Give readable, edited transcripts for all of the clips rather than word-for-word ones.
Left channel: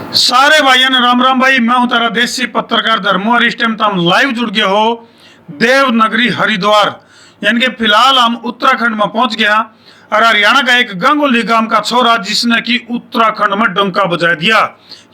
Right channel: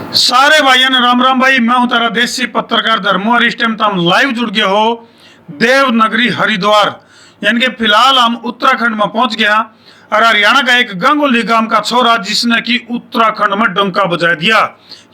सारे भाइयों ने राम राम भाई। मैं हूं तारा देसी पत्रकार धर्मो और इस टाइम तो हम लाइव जुड़ गए हो देवनगरी हरिद्वार, यानी कि फिलहाल हम उत्तराखंड में पहुंच गया। और हरियाणा का एक गंगोली गांव का छोरा जिसने कि उत्तराखंड में डंका बजा दिया,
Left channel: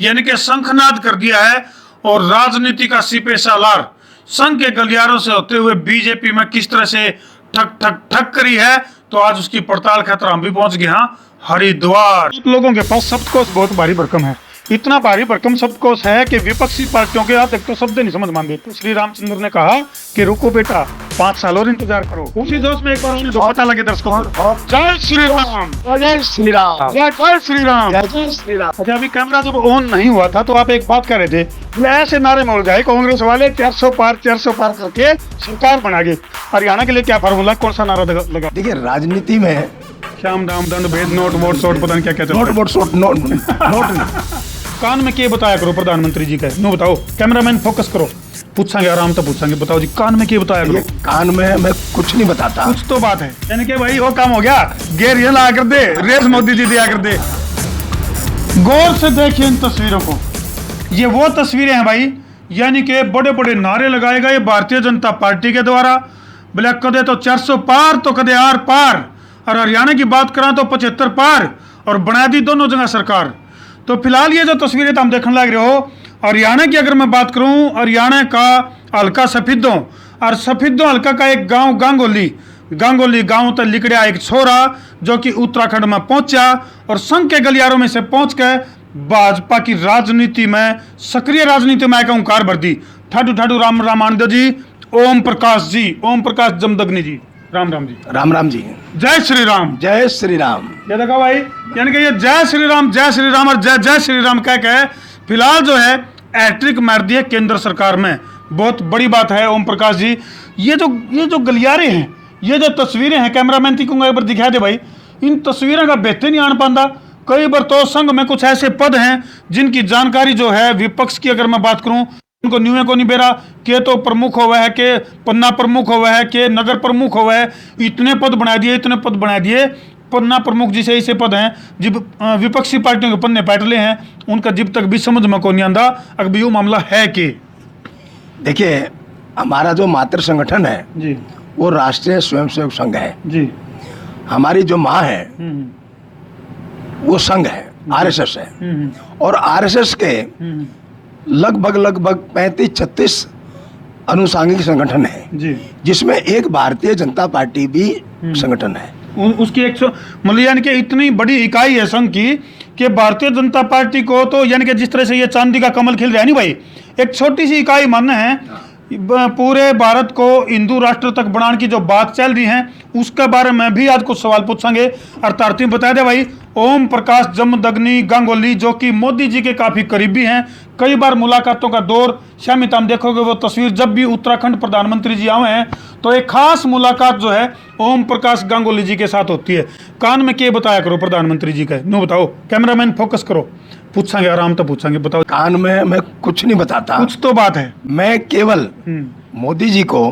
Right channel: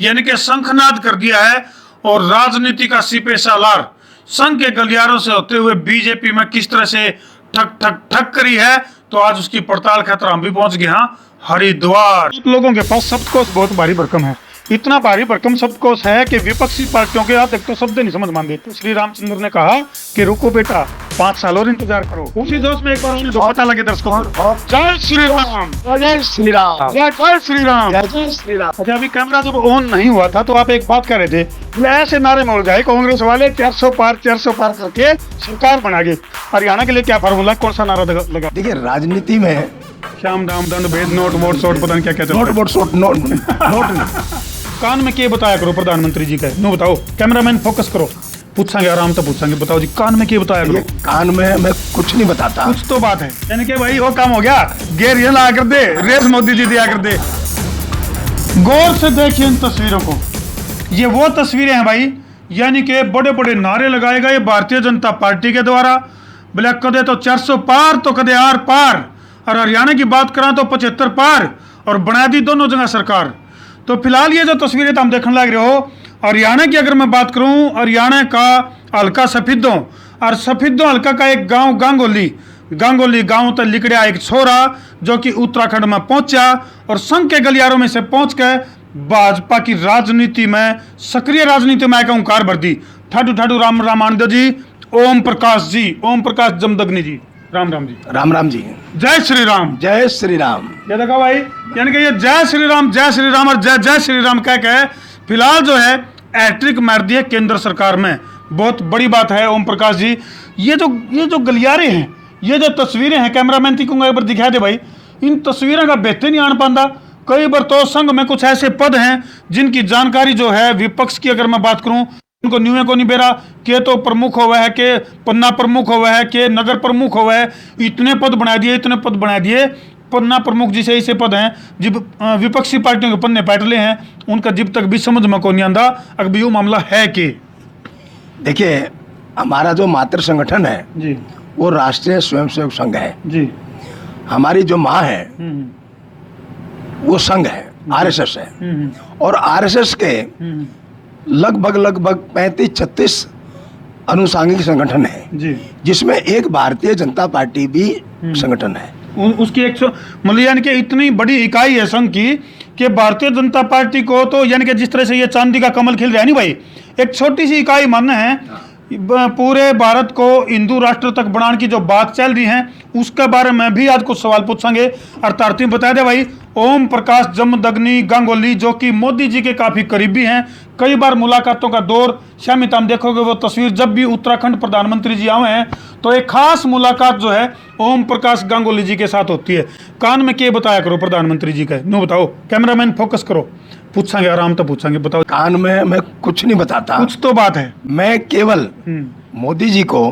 यानी कि शंखनाद कर दिया है। और राजनीति का सिपे सालार संघ के गलियारों से होते हुए बीजेपी में किस तरह से ठक ठक ठक करी है, तो आज उसकी पड़ताल खातर हम भी पहुंच गए हैं हरिद्वार। लोगों के पास शब्दकोश बहुत भारी भरकम है, इतना भारी भरकम शब्दकोश है कि विपक्षी पार्टियों के हाथ एक तो शब्द नहीं समझ मानते। तो श्री रामचंद्र ने कहा कि रुको बेटा, 5 साल और इंतजार करो। उसी जोश में एक बार उन्हें पता लगे दर्शकों, जय श्री राम, जय श्री राम, जय श्री राम, जय श्री राम। अच्छा, अभी कैमरा जब ऑन नहीं हुआ था तो आप एक बात कर रहे थे, ऐसे नारे मोड़ जाए कांग्रेस वाले 400 पार करके सरकार बना गए। हरियाणा के लिए क्या फार्मूला, कौन सा नारा लगा? देखिए, राजनीति में श्याम दाम दंड भेद नोट वोट शोट पता नहीं क्या क्या नोट वोट शोट नोट कान में क्या बताया करो प्रधानमंत्री जी का, नो बताओ। कैमरामैन फोकस करो, पूछांगे आराम से पूछांगे। बताओ जी, कान में क्या बताया करो? कान में मैं कुछ नहीं बताता। कुछ तो बात है, यानी कि भाई वो काम हो गया, गेर ये ला कर दे, रेस मोदी जी दिया कर दे। गौर से देखिए इन तस्वीरों को, ये वो तस्वीरें हैं भाई, यानी कि बड़े बड़े नारे लगाए गए भारतीय जनता पार्टी के द्वारा। बोले कदे तो 400 पार तो कदे आर पार। और हरियाणा की बात करा तो 75 पार, और बना दी दोनों जगह सरकार। तो फिलहाल ये जो तस्वीरें तो हम देखने लग रहे हो, हरियाणा की अगर मैं बात करूं, हरियाणा का हल्का सफीदों, और सफीदों हल्का का एक गांव गांगोली गांव तक लिकड़ा एक छोरा जो कि उत्तराखंड में पहुंचा और संघ के गलियारों में से पहुंच कर भाजपा की राजनीति में, सक्रिय राजनीति में हुंकार भर दी। ठडू राम रामानंद जी, ओम प्रकाश जमदग्नि जी, राम राम जी, राम राम जी, जय श्री राम, जय श्री राम। ये देखा भाई, यानी कि ये जय श्री राम और जय श्री राम क्या क्या है। फिलहाल जो है हैट्रिक मार दी है केंद्र सरकार में, बहुत बड़ी बात है। ओम प्रकाश जी, ये जो गलियारे हैं, ये जो तस्वीरें हैं, कैमरामैन की कहूंगा एक बार दिखा दे भाई। इन तस्वीरों का बेहतर नहीं आन पाता। कई बार तो संघ में कुछ ऐसे पद हैं जिनकी जानकारी जो है विपक्ष की अगर मैं बात करूं, उनको न्यूए को नहीं बेरा के तो प्रमुख हुआ है, कि पन्ना प्रमुख हुआ है, कि नगर प्रमुख हुआ है। इतने पद बना दिए पन्ना प्रमुख जिसे ऐसे पद हैं विपक्षी पार्टियों के पन्ने बैठले हैं, उनको जब तक भी समझ में को नहीं आता अभी वो मामला है कि। देखिए, हमारा जो मातृ संगठन है जी, वो राष्ट्रीय स्वयंसेवक संघ है जी, हमारी जो माँ है वो संघ है, आरएसएस है। और आरएसएस के लगभग 35-36 अनुसांगिक संगठन है जी, जिसमें एक भारतीय जनता पार्टी भी संगठन है। उसकी एक मतलब यानी कि इतनी बड़ी इकाई है संघ की कि भारतीय जनता पार्टी को तो यानी कि जिस तरह से ये चांदी का कमल खिल रहा है नहीं भाई, एक छोटी सी इकाई मानना है। पूरे भारत को हिंदू राष्ट्र तक बढ़ाने की जो बात चल रही है उसके बारे में भी आज कुछ सवाल पूछेंगे। और तारतीब बता दे भाई, ओम प्रकाश जमदग्नि गांगुली जो कि मोदी जी के काफी करीबी हैं, कई बार मुलाकातों का दौर शामिल। हम देखोगे वो तस्वीर, जब भी उत्तराखंड प्रधानमंत्री जी आए हैं तो एक खास मुलाकात जो है ओम प्रकाश गांगुली जी के साथ होती है। कान में क्या बताया करो प्रधानमंत्री जी का, नो बताओ। कैमरामैन फोकस करो, पूछेंगे आराम से पूछेंगे। बताओ। कान में मैं कुछ नहीं बताता। कुछ तो बात है। मैं केवल मोदी जी को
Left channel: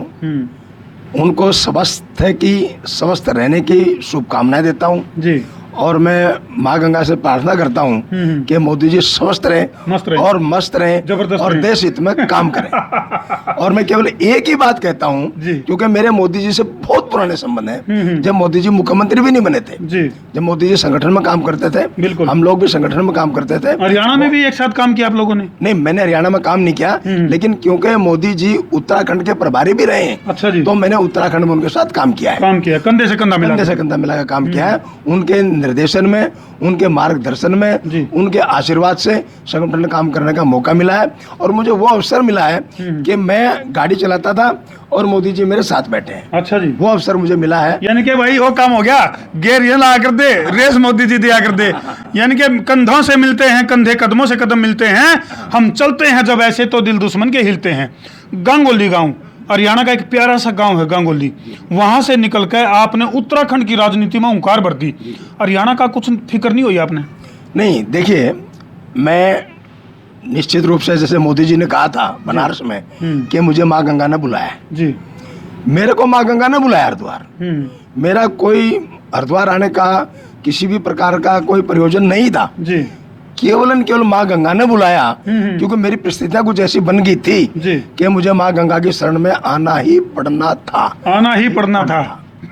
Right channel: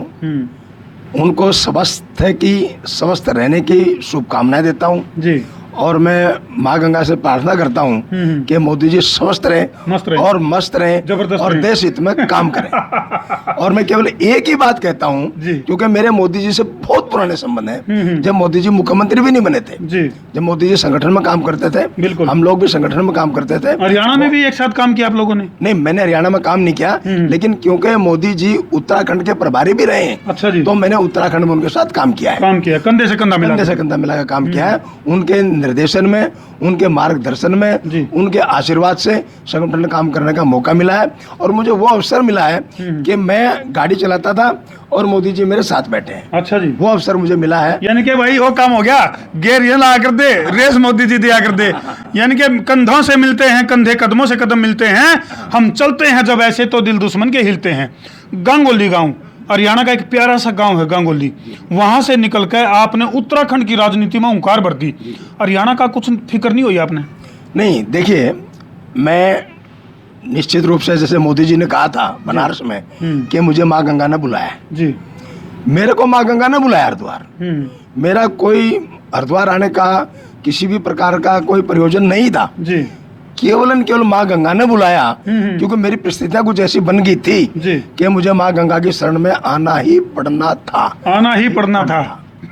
उनको स्वस्थ रहने की शुभकामनाएं देता हूँ जी, और मैं माँ गंगा से प्रार्थना करता हूँ कि मोदी जी स्वस्थ रहे और मस्त रहे और देश हित में काम करें। और मैं केवल एक ही बात कहता हूँ, क्योंकि मेरे मोदी जी से बहुत पुराने संबंध हैं। जब मोदी जी मुख्यमंत्री भी नहीं बने थे, जब मोदी जी संगठन में काम करते थे, बिल्कुल हम लोग भी संगठन में काम करते थे। हरियाणा में भी एक साथ काम किया आप लोगों ने? नहीं, मैंने हरियाणा में काम नहीं किया, लेकिन क्योंकि मोदी जी उत्तराखंड के प्रभारी भी रहे हैं, अच्छा जी, तो मैंने उत्तराखंड में उनके साथ काम किया है, कंधे से कंधा मिला कर काम किया है। उनके निर्देशन में, उनके मार्गदर्शन में, उनके आशीर्वाद से संगठन में काम करने का मौका मिला है। और मुझे वो अवसर मिला है कि मैं गाड़ी चलाता था और मोदी जी मेरे साथ बैठे हैं। अच्छा जी, वो अवसर मुझे मिला है। यानी कि भाई वो काम हो गया, गेर ये ला कर दे, रेस मोदी जी दिया कर दे। यानी कि कंधों से मिलते हैं कंधे, कदमों से कदम मिलते हैं, हम चलते हैं जब ऐसे तो दिल दुश्मन के हिलते हैं। गांगुली गांव हरियाणा का एक प्यारा सा गांव है गांगुली, वहां से निकलकर आपने उत्तराखंड की राजनीति में हुंकार भर दी। हरियाणा का कुछ फिक्र नहीं हुई आपने? नहीं, देखिए, मैं निश्चित रूप से, जैसे मोदी जी ने कहा था बनारस में कि मुझे माँ गंगा ने बुलाया जी, मेरे को माँ गंगा ने बुलाया हरिद्वार। मेरा कोई हरिद्वार आने का किसी भी प्रकार का कोई प्रयोजन नहीं था जी। केवल माँ गंगा ने बुलाया, क्योंकि मेरी परिस्थितियां कुछ ऐसी बन गई थी कि मुझे माँ गंगा की शरण में आना ही पड़ना था।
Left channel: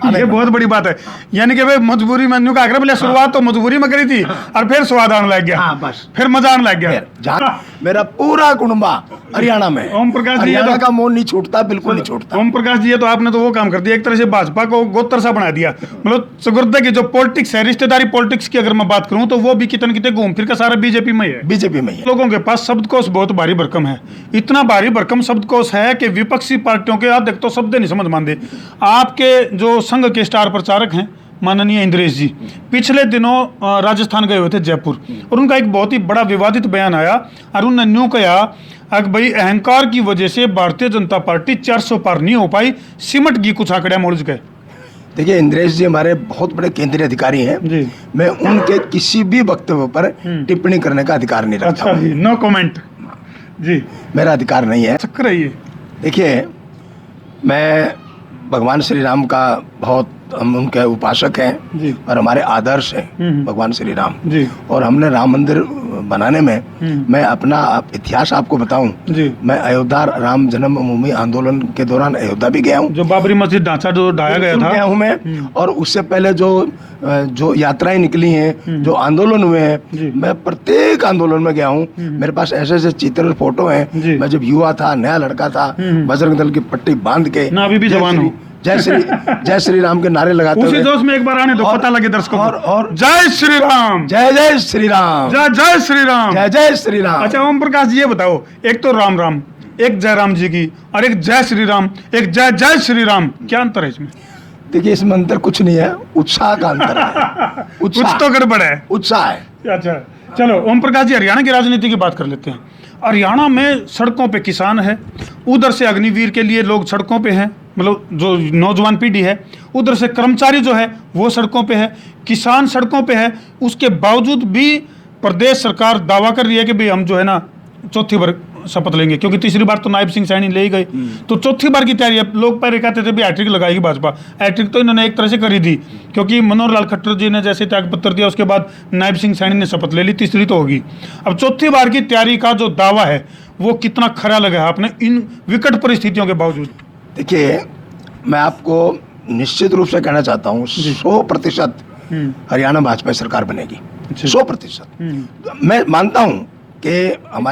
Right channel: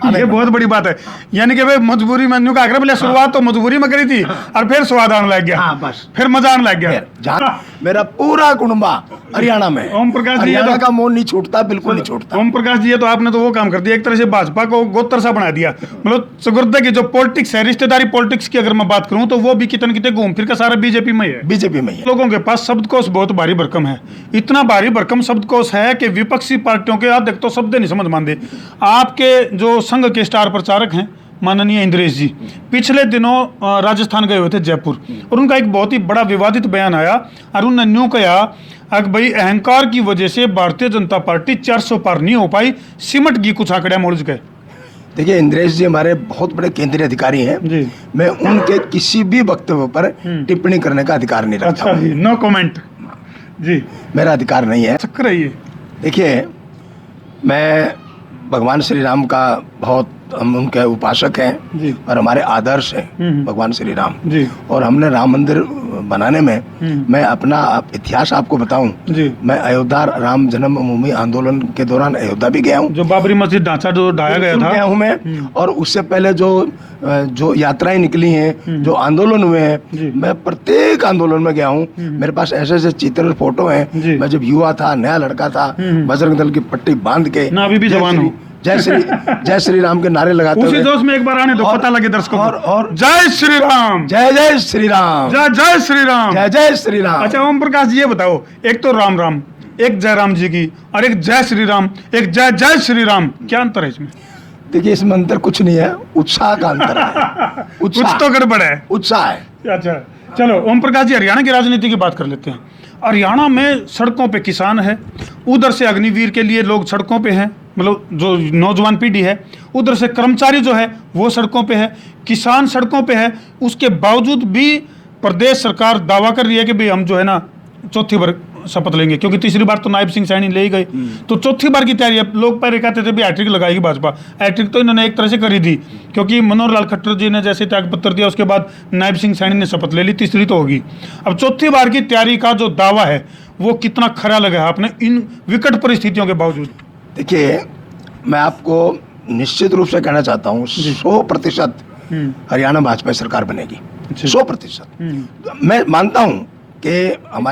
ये बहुत बड़ी बात है, यानी कि भाई मजबूरी में का पहले शुरुआत तो मजबूरी में करी थी और फिर स्वाद आने लग गया। हाँ, बस फिर मजा आने लग गया। जहाँ मेरा पूरा कुटुंबा हरियाणा में, ओम प्रकाश जी हरियाणा का मोह नहीं छूटता, बिल्कुल नहीं छूटता। ओम प्रकाश जी, तो आपने तो वो काम कर दिया, एक तरह से भाजपा को गोत्र सा बना दिया। मतलब चतुर्थ की जो पॉलिटिक्स है, रिश्तेदारी पॉलिटिक्स की अगर मैं बात करूं तो वो भी कितने कितने घूम फिर का सारा बीजेपी में है। बीजेपी में ही लोगों के पास शब्दकोश बहुत भारी भरकम है, इतना भारी भरकम शब्दकोश है कि विपक्षी पार्टियों के आप देखो शब्द नहीं समझ मानते। आपके जो संघ के स्टार प्रचारक हैं माननीय इंद्रेश जी, पिछले दिनों राजस्थान गए हुए थे जयपुर, और उनका एक बहुत ही बड़ा विवादित बयान आया और उन्होंने यूं कहा कि भाई अहंकार की वजह से भारतीय जनता पार्टी 400 पार नहीं हो पाई, सिमट गई कुछ आंकड़ा मोड़ गए। देखिए, इंद्रेश जी हमारे बहुत बड़े केंद्रीय अधिकारी हैं, मैं उनके किसी भी वक्तव्य पर टिप्पणी करने का अधिकार नहीं रखता। नो कमेंट, मेरा अधिकार नहीं है। चक्कर है ये। देखिए, मैं भगवान श्री राम का बहुत, हम उनके उपासक हैं और हमारे आदर्श हैं भगवान श्री राम जी। और हमने राम मंदिर बनाने में, मैं अपना इतिहास आपको बताऊं, मैं अयोध्या राम जन्मभूमि आंदोलन के दौरान अयोध्या भी गया हूं, जो बाबरी मस्जिद ढांचा जो ढाया गया था, गया हूं मैं। और उससे पहले जो यात्राएं निकली हैं, जो आंदोलन हुए हैं, मैं प्रत्येक आंदोलन में गया हूं। मेरे पास ऐसे ऐसे चित्र फोटो हैं, मैं जब युवा था, नया लड़का था, बजरंग दल की पट्टी बांध के, ना अभी भी जवान हूं, जय श्री राम के नारे लगाते हुए। उसी जोश में एक बार आने दो, पता लगे दर्शकों को। और जय श्री राम, जय जय श्री राम, जय श्री राम, जय श्री राम। अच्छा ओम प्रकाश जी, ये बताओ, एक तो राम राम, एक जय राम जी की, और एक जय श्री राम, एक जय श्री राम, क्या अंतर है इसमें? देखिए, इसमें अंतर कुछ नहीं है, उत्साह का अंतर है। कुछ तो गड़बड़ है, उत्साह है। अच्छा चलो ओम प्रकाश जी, हरियाणा की राजनीति की बात कर लेते हैं। हरियाणा में सड़कों पे किसान है, उधर से अग्निवीर के लिए लोग सड़कों पे हैं, मतलब जो नौजवान पीढ़ी है, उधर से कर्मचारी जो है वो सड़कों पे है, किसान सड़कों पे है। उसके बावजूद भी प्रदेश सरकार दावा कर रही है कि भाई हम जो है ना चौथी बार शपथ लेंगे, क्योंकि तीसरी बार तो नायब सिंह सैनी ले गए, तो चौथी बार की हैट्रिक लगाएगी भाजपा। हैट्रिक तो इन्होंने एक तरह से करी थी, क्योंकि मनोहर लाल खट्टर जी ने जैसे त्याग पत्र दिया, उसके बाद नायब सिंह सैनी ने शपथ ले ली, तीसरी तो होगी। अब चौथी बार की तैयारी का जो दावा है वो कितना खरा लगा आपने इन विकट परिस्थितियों के बावजूद? देखिए, मैं आपको निश्चित रूप से कहना चाहता हूँ, 100% हरियाणा भाजपा सरकार बनेगी, 100%। मैं मानता हूँ कि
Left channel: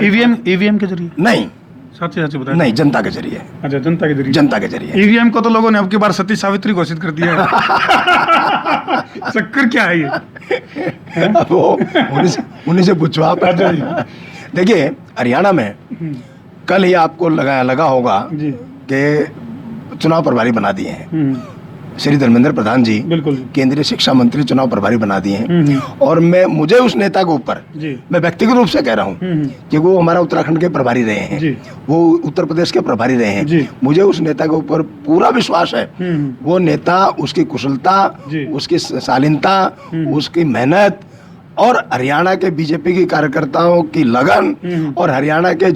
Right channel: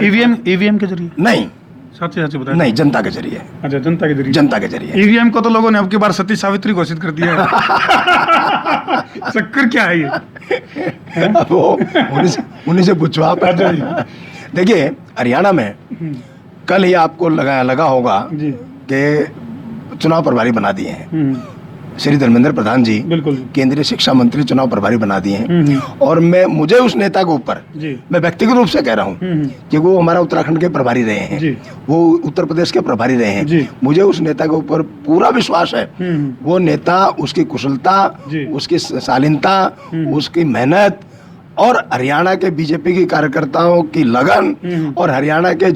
ईवीएम के जरिए नहीं, सच बताया नहीं, जनता के जरिए। अच्छा, जनता के जरिए, जनता के जरिए। ईवीएम को तो लोगों ने अब की बार सती सावित्री घोषित कर दिया है। चक्कर क्या है ये? वो उन्हीं से पूछो आप। देखिए, हरियाणा में कल ही आपको लगा होगा कि चुनाव प्रभारी बना दिए हैं श्री धर्मेंद्र प्रधान जी, केंद्रीय शिक्षा मंत्री चुनाव प्रभारी बना दिए हैं। और मुझे उस नेता के ऊपर, मैं व्यक्तिगत रूप से कह रहा हूँ कि वो हमारा उत्तराखंड के प्रभारी रहे हैं, वो उत्तर प्रदेश के प्रभारी रहे हैं, मुझे उस नेता के ऊपर पूरा विश्वास है। वो नेता, उसकी कुशलता, उसकी शालीनता, उसकी मेहनत और हरियाणा के बीजेपी के कार्यकर्ताओं की लगन और हरियाणा के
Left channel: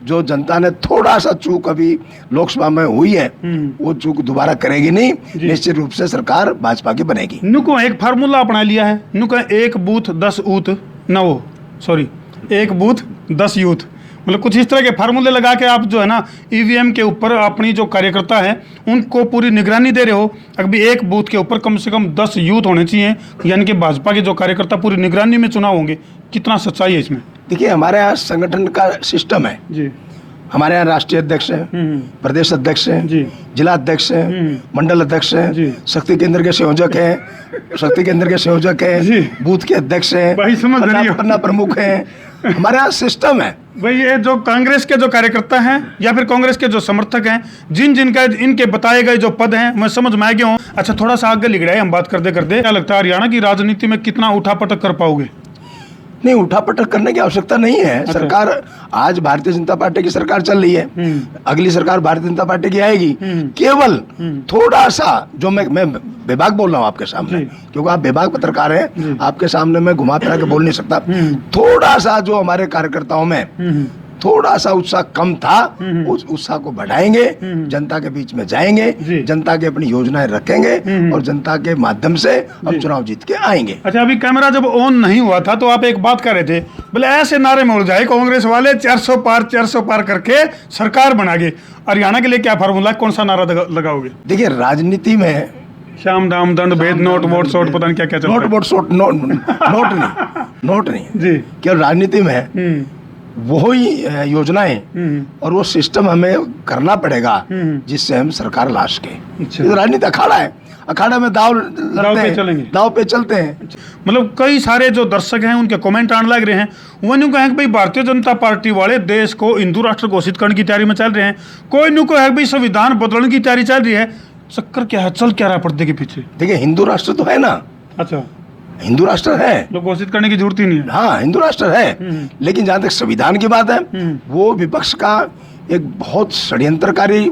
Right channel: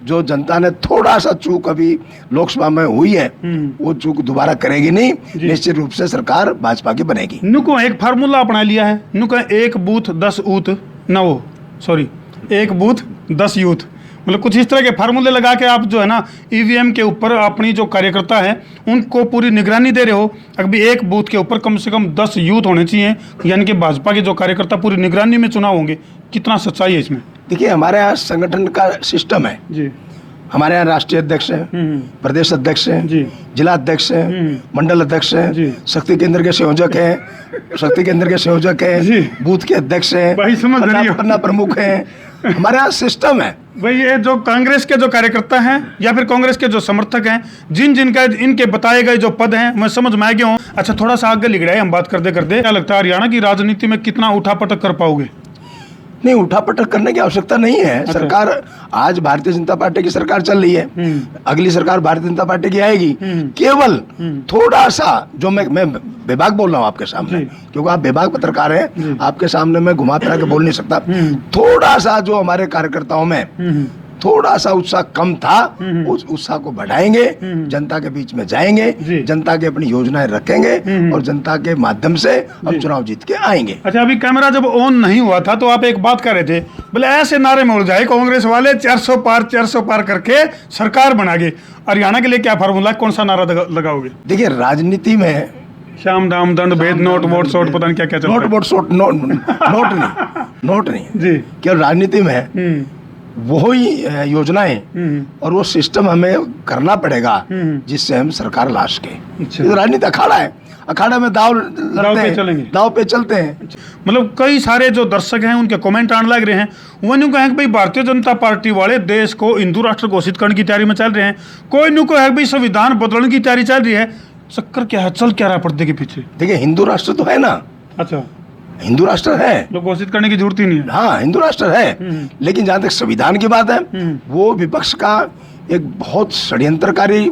जो जनता ने थोड़ा सा चूक अभी लोकसभा में हुई है, वो चूक दोबारा करेगी नहीं। निश्चित रूप से सरकार भाजपा की बनेगी। नुको एक फार्मूला अपना लिया है, नुको एक बूथ 10 ऊथ न वो, सॉरी, एक बूथ 10 यूथ, मतलब कुछ इस तरह के फार्मूले लगा के आप जो है ना ईवीएम के ऊपर अपनी जो कार्यकर्ता है उनको पूरी निगरानी दे रहे हो। अभी एक बूथ के ऊपर कम से कम 10 यूथ होने चाहिए, यानी कि भाजपा के जो कार्यकर्ता पूरी निगरानी में चुनाव होंगे। कितना सच्चाई है इसमें? देखिए, हमारे यहाँ संगठन का सिस्टम है। हमारे यहाँ राष्ट्रीय अध्यक्ष है, प्रदेश अध्यक्ष है, जिला अध्यक्ष है, मंडल अध्यक्ष है, शक्ति केंद्र के संयोजक है, बूथ के अध्यक्ष है, पटना प्रमुख है। हमारे यहाँ सिस्टम है भाई। ये जो कांग्रेस के जो कार्यकर्ता हैं या फिर कांग्रेस के जो समर्थक हैं, जिनका इनके बताए गए जो पद हैं, मैं समझ में आ गया हूँ। अच्छा, थोड़ा सा आगे लिख रहा है हम बात करते करते, क्या लगता है हरियाणा की राजनीति में कितना उठापटक कर पाओगे? नहीं, उठापटक करने की आवश्यकता नहीं है। अच्छा। सरकार, आज भारतीय जनता पार्टी की सरकार चल रही है, अगली सरकार भारतीय जनता पार्टी की आएगी। केवल थोड़ा सा, जो मैं विभाग बोल रहा हूँ आपके सामने, क्योंकि आप विभाग पत्रकार हैं, आपके सामने मैं घुमा फिरा के बोल नहीं सकता। थोड़ा सा जो हमारे कार्यकर्ताओं में थोड़ा सा उत्साह कम था, उस उत्साह को बढ़ाएंगे, जनता के बीच में जाएंगे, जनता की अपनी योजनाएं रखेंगे और जनता के माध्यम से हम चुनाव जीत के आएंगे। अच्छा, अभी कैमरा जब ऑन नहीं हुआ था तो आप एक बात कर रहे थे, बोले ऐसे नारे में उड़ जाए कांग्रेस वाले 400 पार करके सरकार बना गए। हरियाणा के लिए क्या फार्मूला, कौन सा नारा लगाओगे? देखिए, राजनीति में शाम दाम दंड भेद नोट वोट शोट पता नहीं क्या क्या चलता है। नोट वोट शोट नोट नहीं जी, केवल राजनीति में वो ही योजनाएं और वो सिस्टम हमें करना पड़ेगा जिससे हम सरकार ला सके। अच्छा। ये तो राजनीति अखाड़ा है, अखाड़ा में दाव पे चलते हैं। मतलब कई सारे जो दर्शक हैं उनके कमेंट आने लग रहे हैं, वो न्यू कहें कि भाई भारतीय जनता पार्टी वाले देश को हिंदू राष्ट्र घोषित करने की तैयारी में चल रहे हैं, कोई न्यू कहे भाई संविधान बदलने की तैयारी चल रही है। चक्कर क्या है, चल क्या रहा है पर्दे के पीछे? देखिए, हिंदू राष्ट्र तो है ना। अच्छा, हिंदू राष्ट्र है, तो घोषित करने की जरूरत ही नहीं है। हाँ, हिंदू राष्ट्र है, लेकिन जहाँ तक संविधान की बात है, वो विपक्ष का एक बहुत षड्यंत्रकारी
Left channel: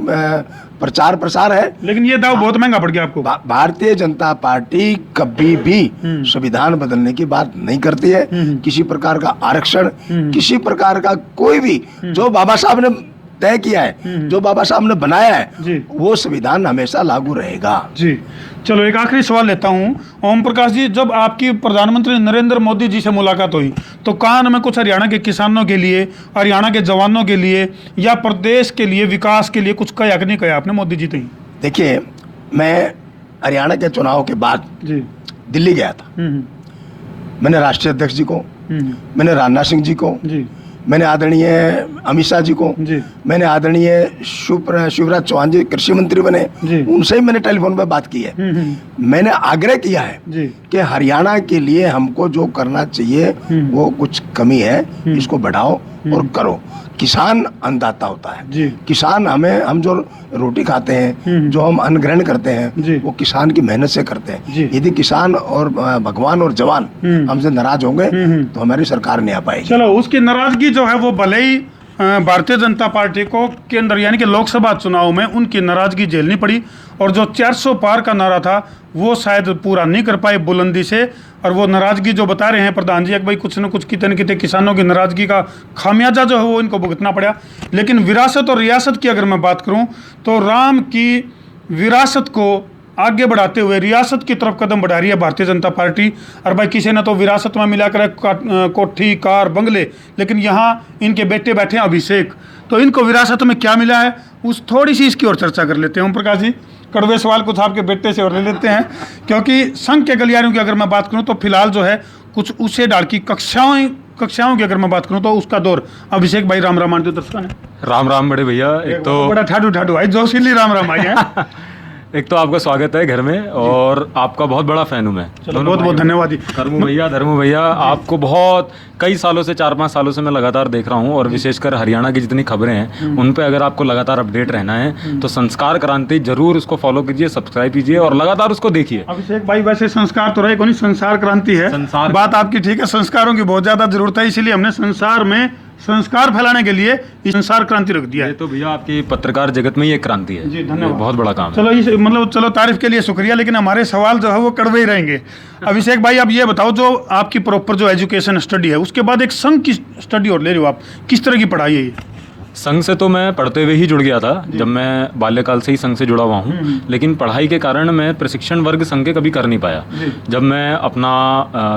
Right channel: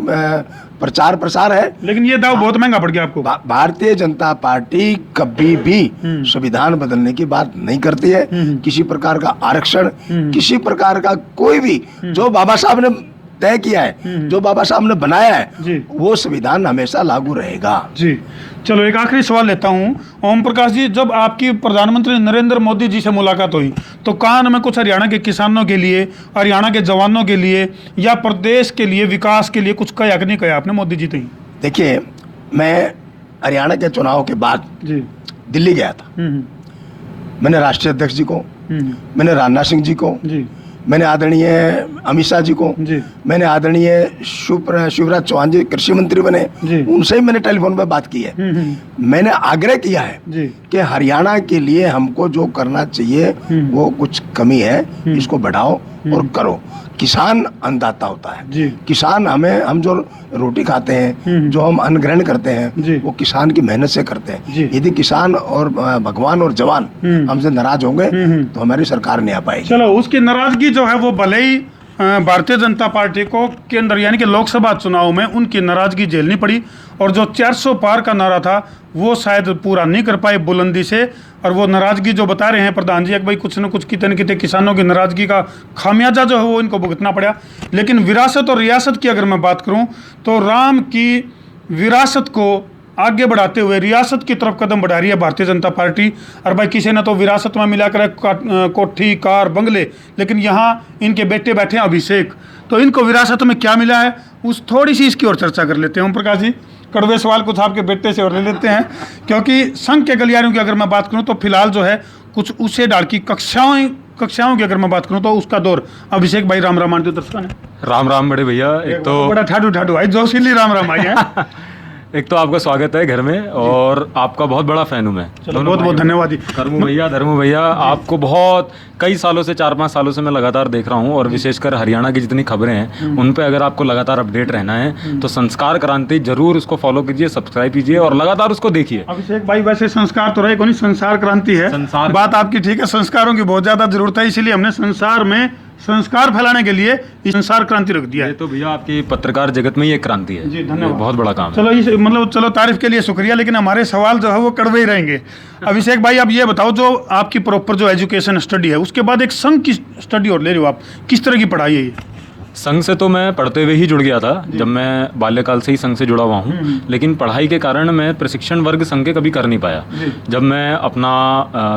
प्रचार प्रसार है। लेकिन ये दाव बहुत महंगा पड़ गया आपको। भारतीय जनता पार्टी कभी भी संविधान बदलने की बात नहीं करती है। किसी प्रकार का आरक्षण, किसी प्रकार का कोई भी जो बाबा साहब ने तय किया है, जो बाबा साहब ने बनाया है, वो संविधान हमेशा लागू रहेगा। जी, चलो एक आखिरी सवाल लेता हूँ। ओम प्रकाश जी, जब आपकी प्रधानमंत्री नरेंद्र मोदी जी से मुलाकात हुई तो कान में कुछ हरियाणा के किसानों के लिए, हरियाणा के जवानों के लिए या प्रदेश के लिए, विकास के लिए कुछ कहा कि नहीं कहा आपने मोदी जी? देखिए, मैं हरियाणा के चुनाव के बाद दिल्ली गया था। मैंने राष्ट्रीय अध्यक्ष जी को, मैंने राजनाथ सिंह जी को, मैंने आदरणीय अमित शाह जी को, मैंने आदरणीय शिवराज चौहान जी कृषि मंत्री बने, उनसे ही मैंने टेलीफोन पे बात की है। मैंने आग्रह किया है कि हरियाणा के लिए हमको जो करना चाहिए वो कुछ कमी है, इसको बढ़ाओ और करो। किसान अन्नदाता होता है, किसान हम जो रोटी खाते हैं, जो हम अन्न ग्रहण करते हैं, वो किसान की मेहनत से करते हैं। यदि किसान और भगवान और जवान हमसे नाराज होंगे तो हमारी सरकार नहीं आ पाएगी। चलो, उसकी नाराजगी जो है वो भले ही भारतीय जनता पार्टी को केंद्र यानी कि लोकसभा चुनाव में उनकी नाराजगी झेलनी पड़ी, और जो 400 पार का नारा था वो शायद पूरा नहीं कर पाए बुलंदी से, और वो नाराजगी जो बता रहे हैं प्रधान जी, भाई कुछ न कुछ कितने किसानों की नाराजगी का खामियाजा जो है वो इनको भुगतना पड़े। लेकिन विरासत और रियासत की अगर मैं बात करूं तो राम की विरासत को आगे बढ़ाते हुए रियासत की तरफ कदम बढ़ा रही है भारतीय जनता पार्टी। और भाई किसी ने तो विरासत में मिलाकर कोठी, कार, बंगले, लेकिन यहाँ इनके बेटे बैठे हैं अभिषेक, तो इनको विरासत में क्या मिला है उस थोड़ी सी इसकी और चर्चा कर लेते हैं। ओम प्रकाश जी, कड़वे सवाल कुछ आपके बेटे से और ले लेते हैं, क्योंकि संघ के गलियारों की अगर मैं बात करूं तो फिलहाल जो है कुछ उसे डाल की कक्षाओं की अगर मैं बात करूं तो उसका दौर। अभिषेक भाई, राम राम आंटी दर्शक। राम राम बड़े भैया। एक तो बड़ा ठाडू भाई, जोशीली राम राम भाई। एक तो आपका स्वागत है घर में, और आपका बहुत बड़ा फैन हूँ मैं। बहुत बहुत धन्यवाद जी। धर्मू भैया, आपको बहुत कई सालों से, 4-5 सालों से मैं लगातार देख रहा हूँ, और विशेषकर हरियाणा की जितनी खबरें हैं उन पे अगर आपको लगातार अपडेट रहना है तो संस्कार क्रांति जरूर उसको फॉलो कीजिए, सब्सक्राइब कीजिए और लगातार उसको देखिए। अभिषेक भाई, वैसे संस्कार तो रहे को नहीं, संसार क्रांति है। बात आपकी ठीक है, संस्कारों की बहुत ज्यादा जरूरत है, इसीलिए हमने संसार में संस्कार फैलाने के लिए संसार क्रांति रख दिया है। तो भैया आपकी पत्रकार जगत में ये क्रांति है। जी, धन्यवाद, बहुत बड़ा काम है। चलो तारीफ के लिए शुक्रिया, लेकिन हमारे सवाल जो है वो कड़वे ही रहेंगे। अभिषेक भाई, अब ये बताओ, जो आपकी प्रॉपर जो एजुकेशन स्टडी है उसके बाद एक संघ की स्टडी और ले रहे हो आप, किस तरह की पढ़ाई है? संघ से तो मैं पढ़ते हुए ही जुड़ गया था, जब मैं बाल्यकाल से ही संघ से जुड़ा हुआ हूँ, लेकिन पढ़ाई के कारण मैं प्रशिक्षण वर्ग संघ के कभी कर नहीं पाया। जब मैं अपना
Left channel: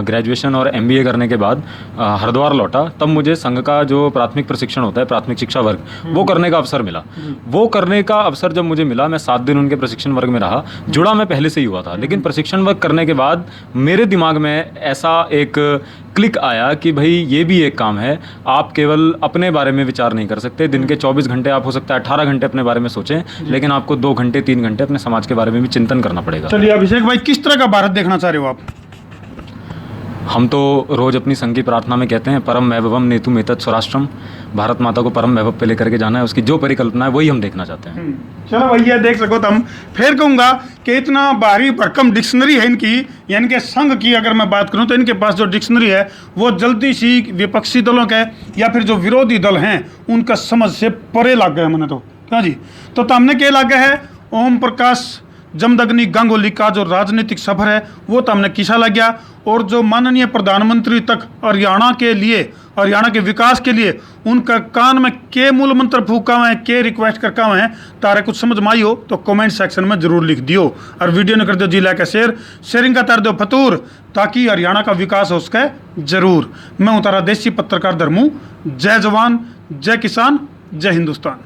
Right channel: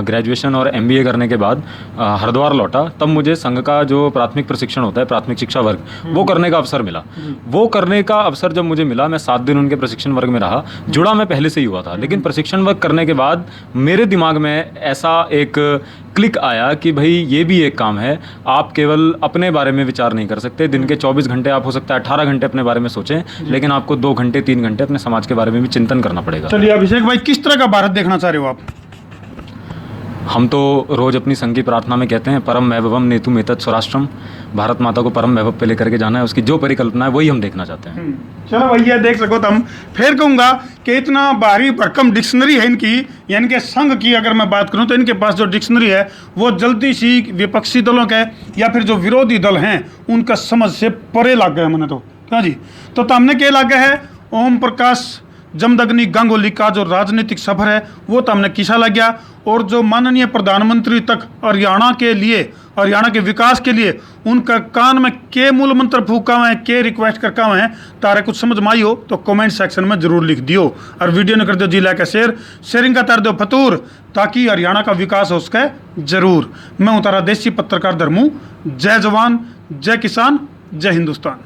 ग्रेजुएशन और MBA करने के बाद हरिद्वार लौटा, तब मुझे संघ का जो प्राथमिक प्रशिक्षण होता है, प्राथमिक शिक्षा वर्ग, वो करने का अवसर मिला। वो करने का अवसर जब मुझे मिला, मैं 7 दिन उनके प्रशिक्षण वर्ग में रहा। जुड़ा मैं पहले से ही हुआ था, लेकिन प्रशिक्षण वर्ग करने के बाद मेरे दिमाग में ऐसा एक क्लिक आया कि भाई ये भी एक काम है, आप केवल अपने बारे में विचार नहीं कर सकते। दिन के 24 घंटे आप हो सकता है 18 घंटे अपने बारे में सोचें, लेकिन आपको 2 घंटे 3 घंटे अपने समाज के बारे में भी चिंतन करना पड़ेगा। चलिए अभिषेक भाई, किस तरह का भारत देखना चाह रहे हो आप? हम तो रोज अपनी संघ की प्रार्थना में कहते हैं, परम वैभवम नेतुम एतत् स्वराष्ट्रम। भारत माता को परम वैभव पे लेकर के जाना है, उसकी जो परिकल्पना है वही हम देखना चाहते हैं। चलो भैया, देख सको तो हम फिर कहूँगा कि इतना भारी भरकम डिक्शनरी है इनकी, यानी कि संघ की अगर मैं बात करूँ तो इनके पास जो डिक्शनरी है वो जल्दी सी विपक्षी दलों के या फिर जो विरोधी दल हैं उनका समझ से परे लग गया मैंने तो। क्या जी, तो हमने क्या लग गया है, ओम प्रकाश जमदग्नि गांगुली का जो राजनीतिक सफर है वो तो हमने किसा लग गया, और जो माननीय प्रधानमंत्री तक हरियाणा के लिए हरियाणा के विकास के लिए उनका कान में के मूल मंत्र फूका हुए हैं, के रिक्वेस्ट करका हुए हैं, तारे कुछ समझ में आई हो तो कमेंट सेक्शन में जरूर लिख दियो। और वीडियो ने कर दो जिला का शेयरिंग का कर दो फतूर, ताकि हरियाणा का विकास हो सके जरूर। मैं हूं तारा देसी पत्रकार धर्मू। जय जवान, जय किसान, जय हिंदुस्तान।